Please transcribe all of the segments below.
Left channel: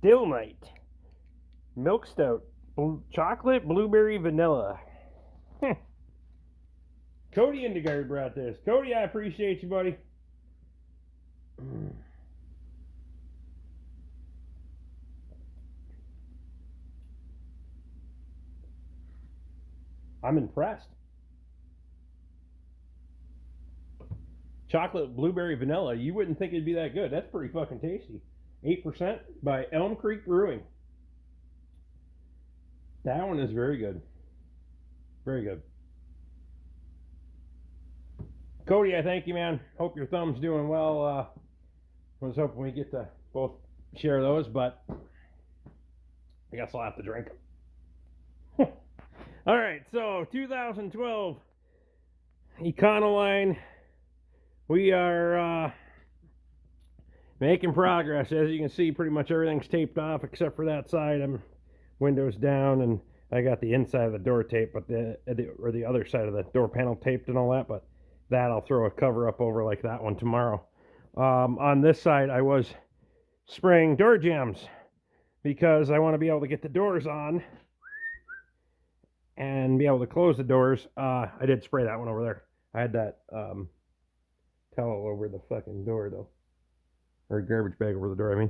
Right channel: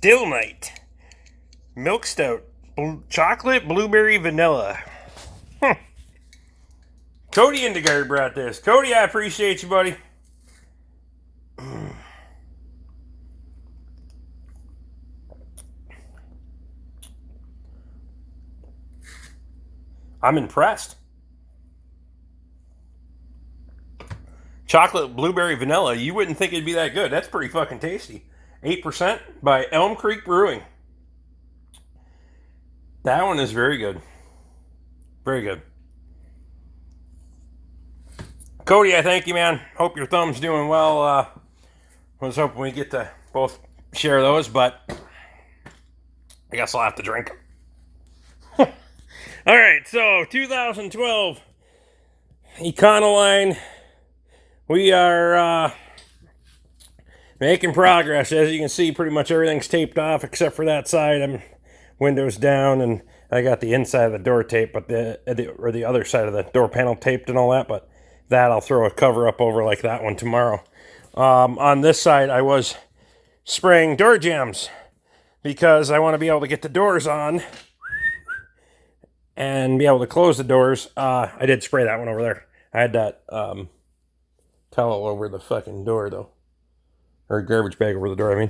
Still Night. Milk Stout. Chocolate, blueberry, vanilla. Cody Indigard brought this. Cody, I appreciate you, buddy. I'm impressed. Chocolate, blueberry, vanilla. You wouldn't think it'd be that good. That's pretty fucking tasty. 8% by Elm Creek Brewing. That one is very good. Very good. Cody, I thank you, man. Hope your thumb's doing well. I was hoping we get to both share those, but I guess I'll have to drink them. All right, so 2012 Econoline. We are making progress. As you can see, pretty much everything's taped off except for that side. I'm windows down, and I got the inside of the door taped, but the other side of the door panel taped and all that. But that I'll throw a cover up over like that one tomorrow. On this side, I was spraying door jams because I want to be able to get the doors on and be able to close the doors. I did spray that one over there. I had that towel over the fucking door, though. Or garbage bag over the door, I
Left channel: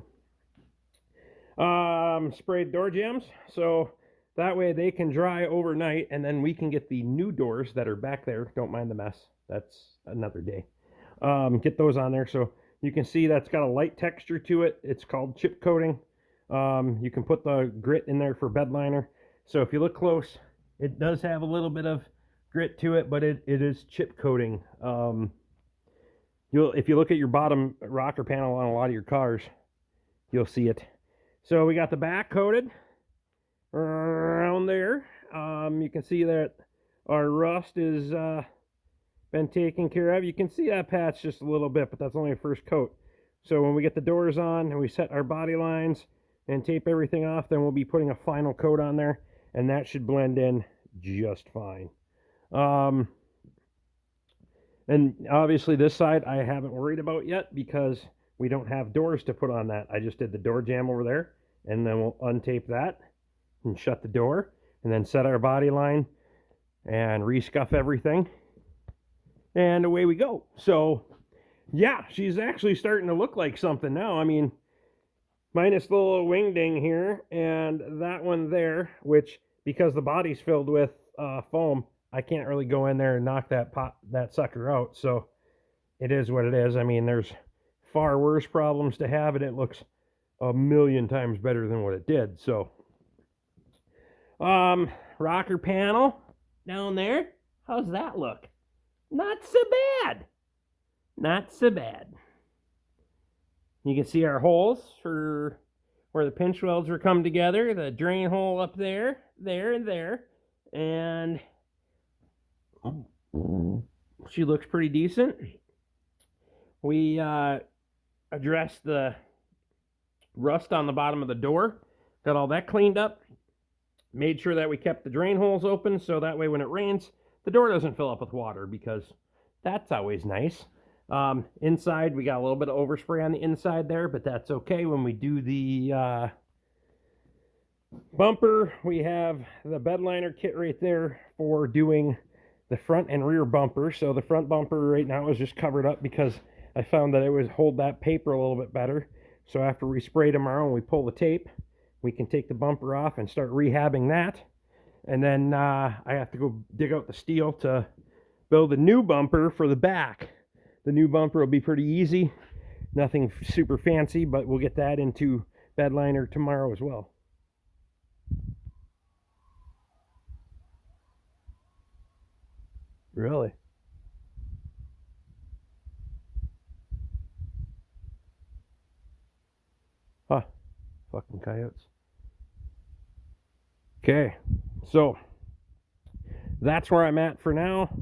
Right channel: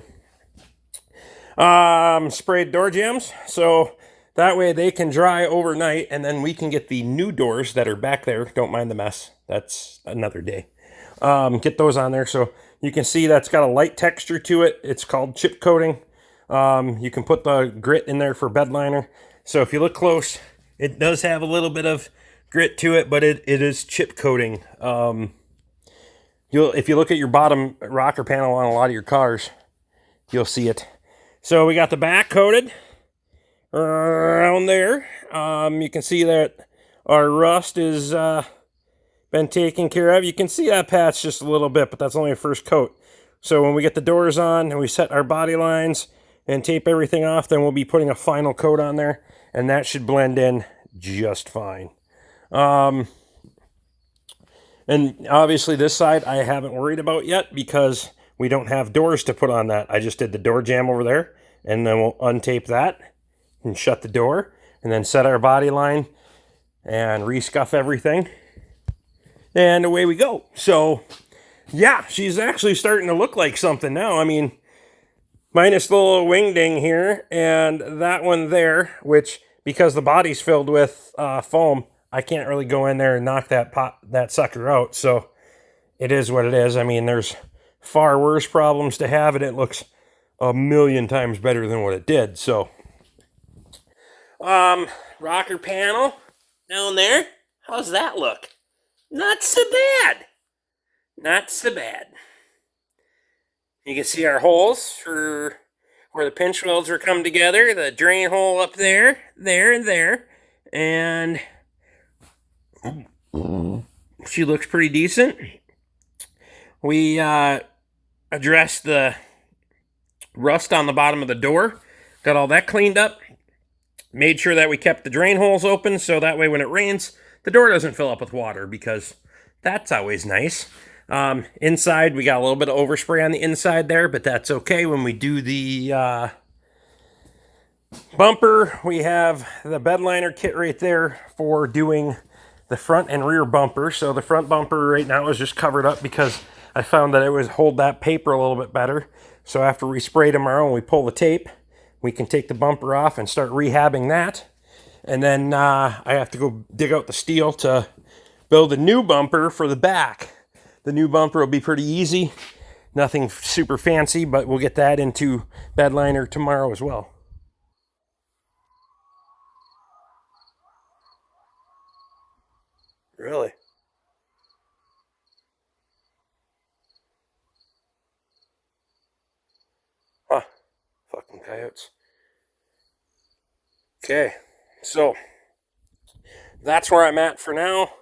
mean. Sprayed door jams, so that way they can dry overnight, and then we can get the new doors that are back there. Don't mind the mess. That's another day. Get those on there, so you can see that's got a light texture to it. It's called chip coating. You can put the grit in there for bed liner. So if you look close, it does have a little bit of grit to it, but it is chip coating. If you look at your bottom rocker panel on a lot of your cars, you'll see it. So we got the back coated around there. You can see that our rust is been taken care of. You can see that patch just a little bit, but that's only a first coat. So when we get the doors on and we set our body lines and tape everything off, then we'll be putting a final coat on there, and that should blend in just fine. And obviously this side I haven't worried about yet because we don't have doors to put on that. I just did the door jamb over there, and then we'll untape that and shut the door and then set our body line and rescuff everything. And away we go. So yeah, she's actually starting to look like something now. I mean, minus the little wing ding here and that one there, which because the body's filled with foam, I can't really go in there and knock that sucker out. So it is what it is. I mean, there's far worse problems to have, and it looks a million times better than what it did. So, rocker panel down there. How's that look? Not so bad. Not so bad. You can see our holes for where the pinch welds are come together. The drain hole up there, there, and there. And she looks pretty decent. We addressed the rust on the bottom of the door. Got all that cleaned up. Made sure that we kept the drain holes open so that way when it rains, the door doesn't fill up with water, because that's always nice. Inside, we got a little bit of overspray on the inside there, but that's okay. When we do the bumper, we have the bed liner kit right there for doing the front and rear bumper. So the front bumper right now is just covered up because I found that it would hold that paper a little bit better. So after we spray tomorrow and we pull the tape, we can take the bumper off and start rehabbing that. And then I have to go dig out the steel to build a new bumper for the back. The new bumper will be pretty easy. Nothing super fancy, but we'll get that into bed liner tomorrow as well. Really? Huh. Fucking coyotes. Okay. So, that's where I'm at for now.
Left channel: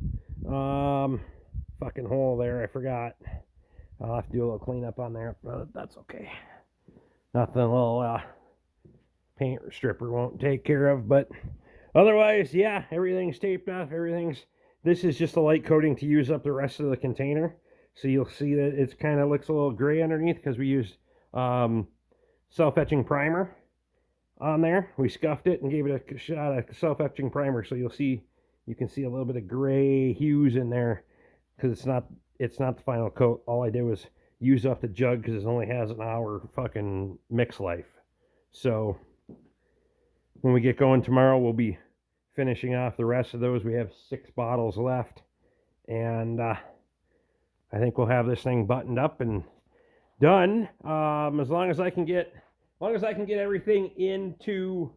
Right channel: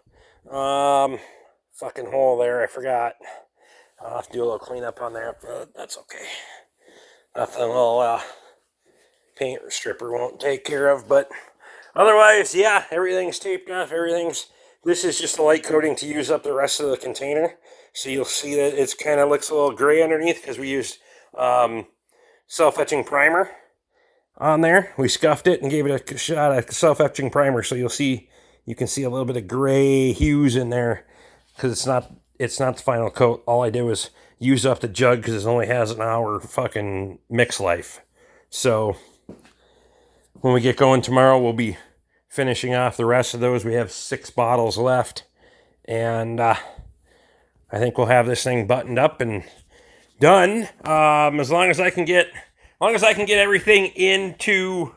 Fucking hole there, I forgot. I'll have to do a little cleanup on there, but that's okay. Nothing a little paint stripper won't take care of, but otherwise, yeah, everything's taped off. This is just a light coating to use up the rest of the container. So you'll see that it's kind of looks a little gray underneath because we used self-etching primer on there. We scuffed it and gave it a shot of self-etching primer, so you can see a little bit of gray hues in there because it's not the final coat. All I did was use up the jug because it only has an hour fucking mix life. So when we get going tomorrow, we'll be finishing off the rest of those. We have 6 bottles left, and I think we'll have this thing buttoned up and done. As long as I can get everything into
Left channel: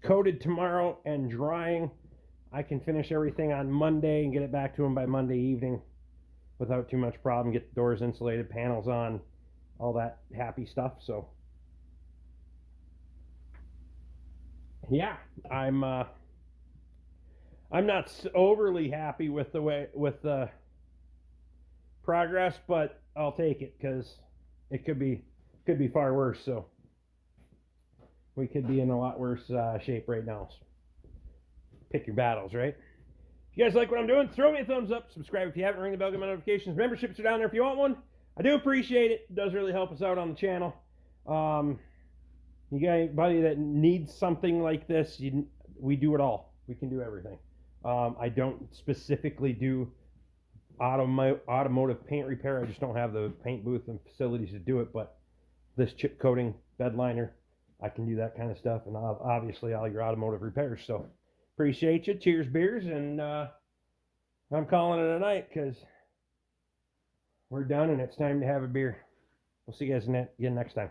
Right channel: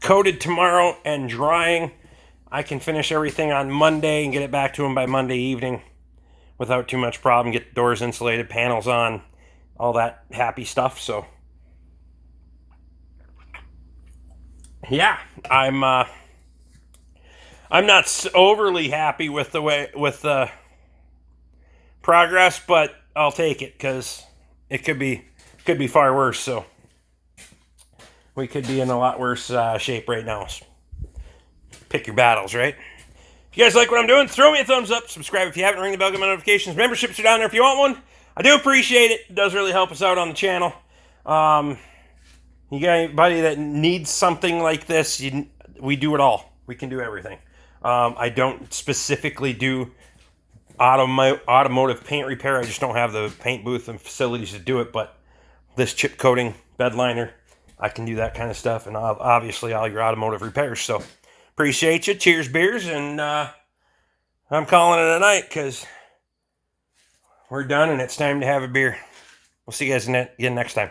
coated tomorrow and drying, I can finish everything on Monday and get it back to them by Monday evening without too much problem. Get the doors insulated, panels on, all that happy stuff. So yeah, I'm not overly happy with the progress, but I'll take it because it could be far worse. So we could be in a lot worse shape right now. Pick your battles, right? If you guys like what I'm doing, throw me a thumbs up. Subscribe if you haven't. Ring the bell, get my notifications. Memberships are down there if you want one. I do appreciate it. It does really help us out on the channel. You got anybody that needs something like this, we do it all. We can do everything. I don't specifically do automotive paint repair. I just don't have the paint booth and facilities to do it. But this chip coating, bed liner, I can do that kind of stuff. And obviously all your automotive repairs. So appreciate you. Cheers, beers. And I'm calling it a night because we're done and it's time to have a beer. We'll see you guys again next time.